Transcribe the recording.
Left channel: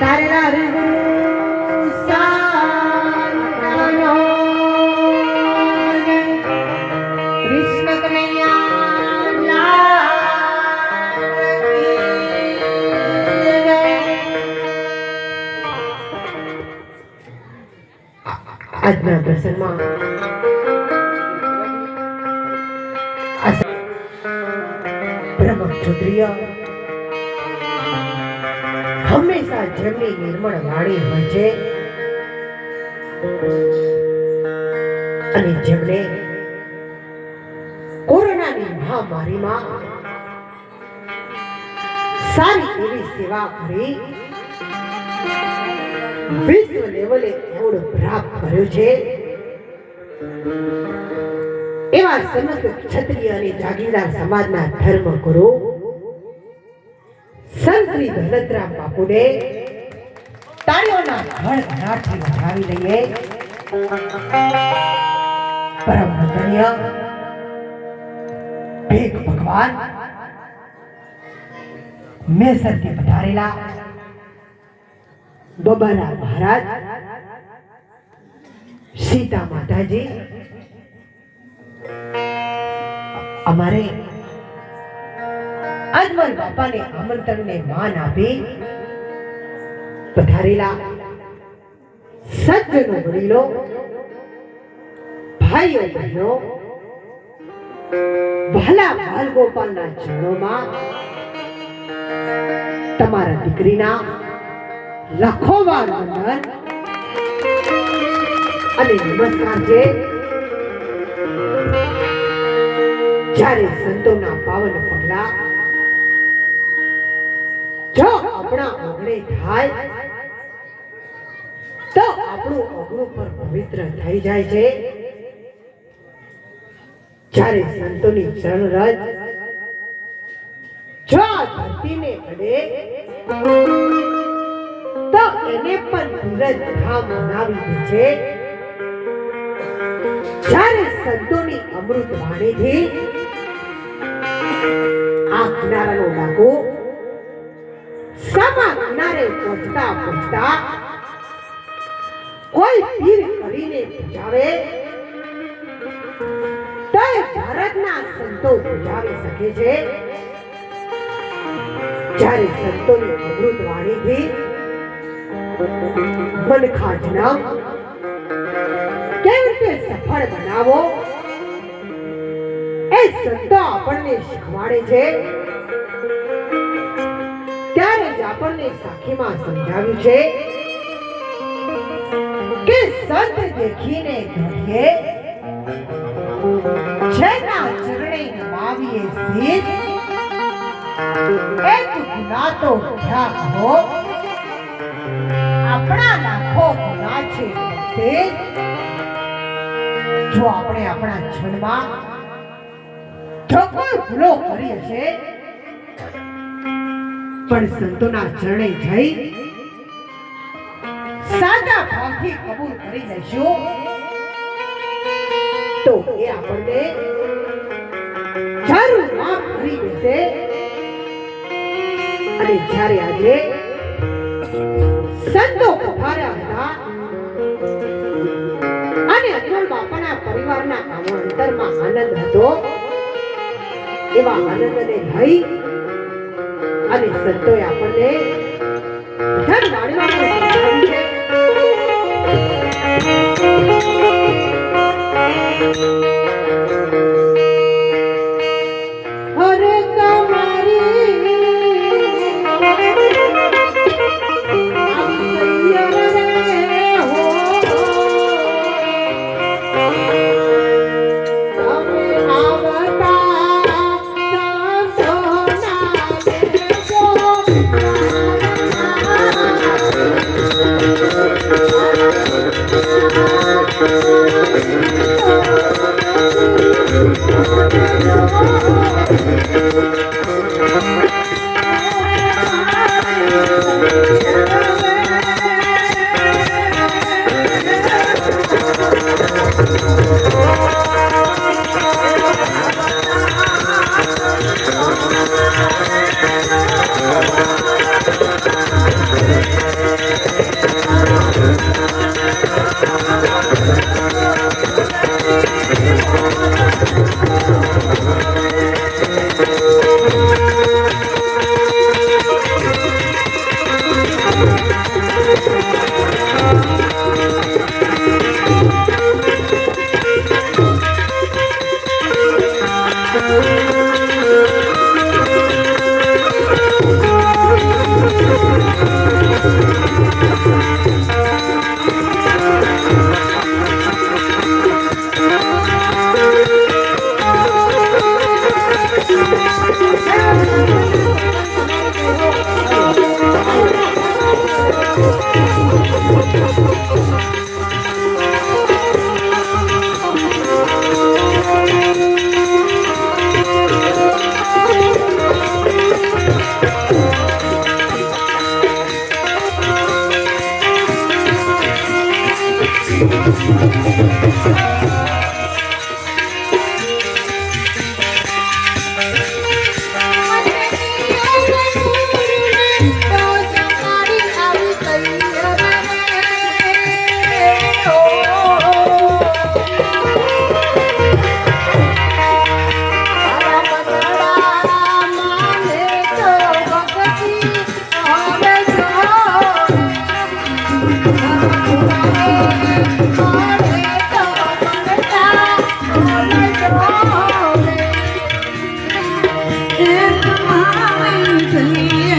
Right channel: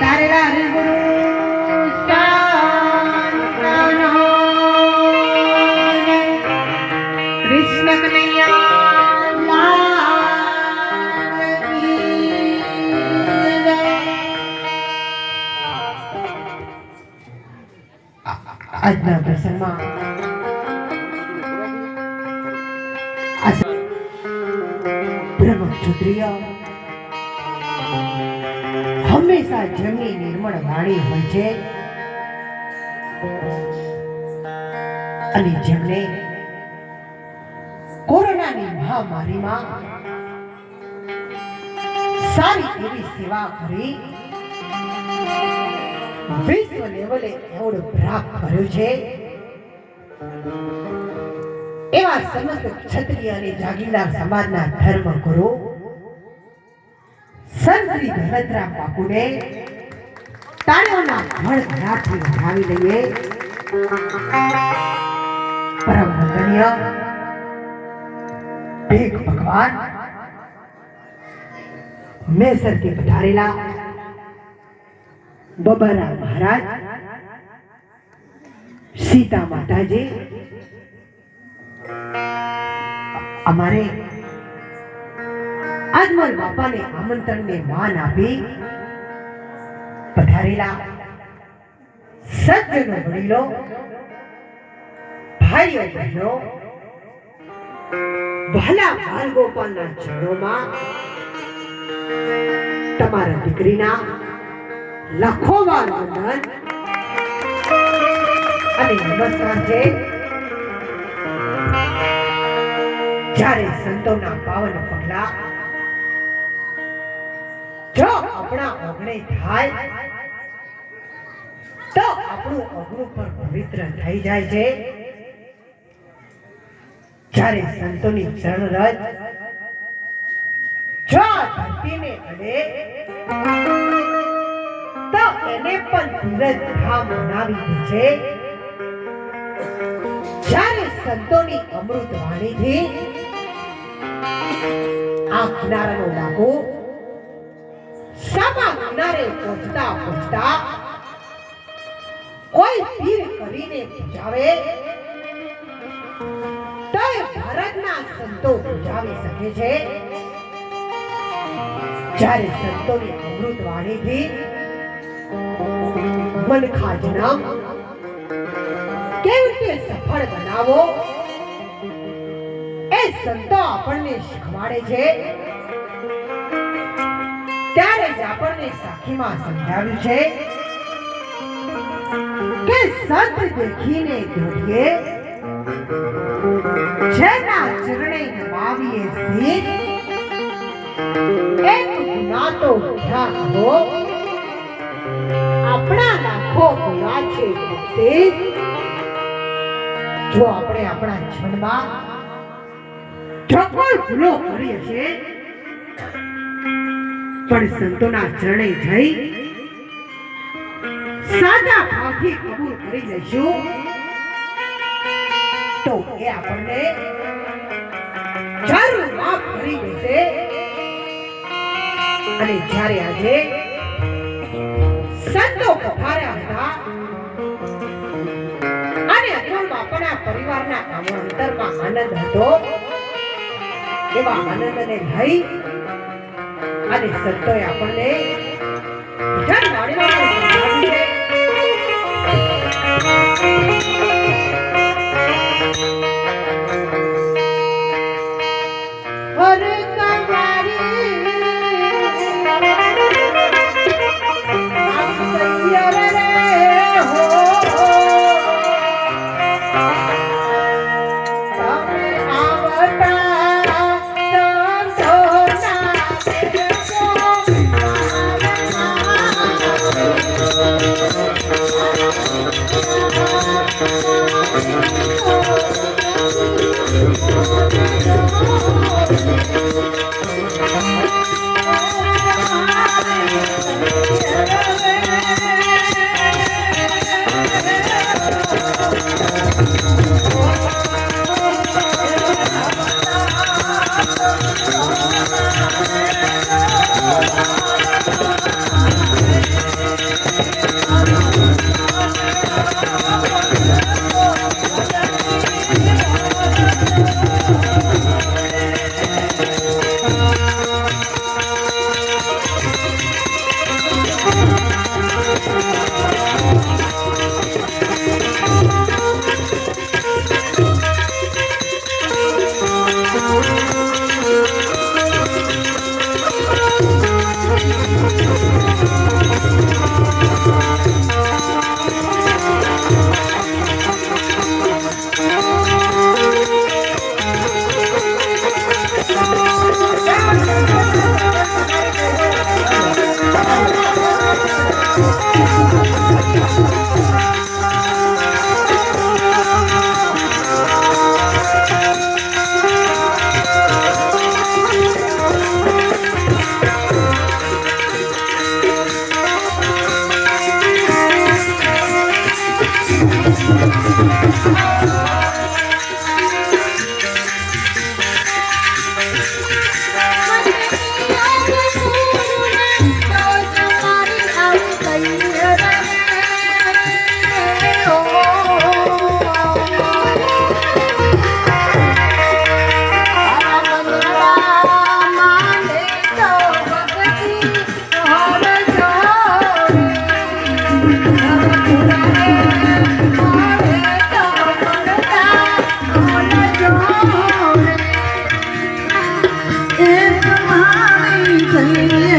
પધારેલા હરિગુરુ સાંતાનો કૃષ્ણ કનૈયા લાલ કી જય। આજના પ્રસંગમાં બ્રહ્મ ક્ષત્રિય હંમેશા જેમની નિર્મળ વાણી હોય છે અને જેમણે કોરોનાની મહામારીમાં સારી એવી સેવા કરી વિશ્વ લેવલે એવોર્ડ પ્રાપ્ત કર્યો છે એવા સમસ્ત ક્ષત્રિય અને જાગીરદાર સમાજના ધર્મગુરુ સંત શ્રી દલતરામ બાપુને તાળીઓના ભણભણાટથી વધાવી લઈએ। પરમ વંદનીય ભેખ ભગવાન મેસરથી પધારેલા બબાલા મહારાજ, સીતા માતાજી, અમારે આજમલ બાપાને આમંત્રણને માન આપી પધારેલા સજ્જનો વડીલો, ભાઈઓ બહેનો, ભલા બાલ ગોપાલના ચરણોમાં તમારા દીકરીના લાખો વાર વંદન અને નમસ્કાર છે। જ્યારે સંતોના પાવન પગલા જો આપણા ઓગણે થાય તો આપણું ઓગણું પણ પવિત્ર થઈ જાય છે। જ્યારે સંતોની ચરણ રજ જો ધરતીને અડે તો એને પણ ધીરજ ધામ બનાવી દે છે। જ્યારે સંતોની અમૃત વાણીથી આ કિનારાનો ડાકો સમા કિનારે પહોંચતા પહોંચતા કોઈ પીર કરીને પૂજાવે તો ભારતના સંતો પૂજાવી શકે છે। જ્યારે સંતોની અમૃત વાણીથી મનખા જન્મ કેવી રીતે સફળ બનાવો એ સંતો આપણને શીખવાડે છે। ત્યારે જ આપણને સાખીમાં સમજાવ્યું છે કે સંત દેખીને દોડીએ, જેના ચરણે નમાવીએ શીશ, એક ગુના તો ક્યાં કહો, આપણા લાખો ગુના છે ભક્તિ। જો આપણે આપણા જીવનમાં જો કોઈ ભૂલો કરી હશે પણ સંતોના ચરણે જઈ સાચા ભાવથી કબૂલ કરી લઈશું તો એ આપણને જરૂર માફ કરી દેશે। અને જ્યારે આજે સંતો પધાર્યા હતા અને અચલ બાપાના પરિવારના અંતરમાં આનંદ હતો, એવા આનંદને લઈ અને સંતોએ આપણને Thank you. જલ્દી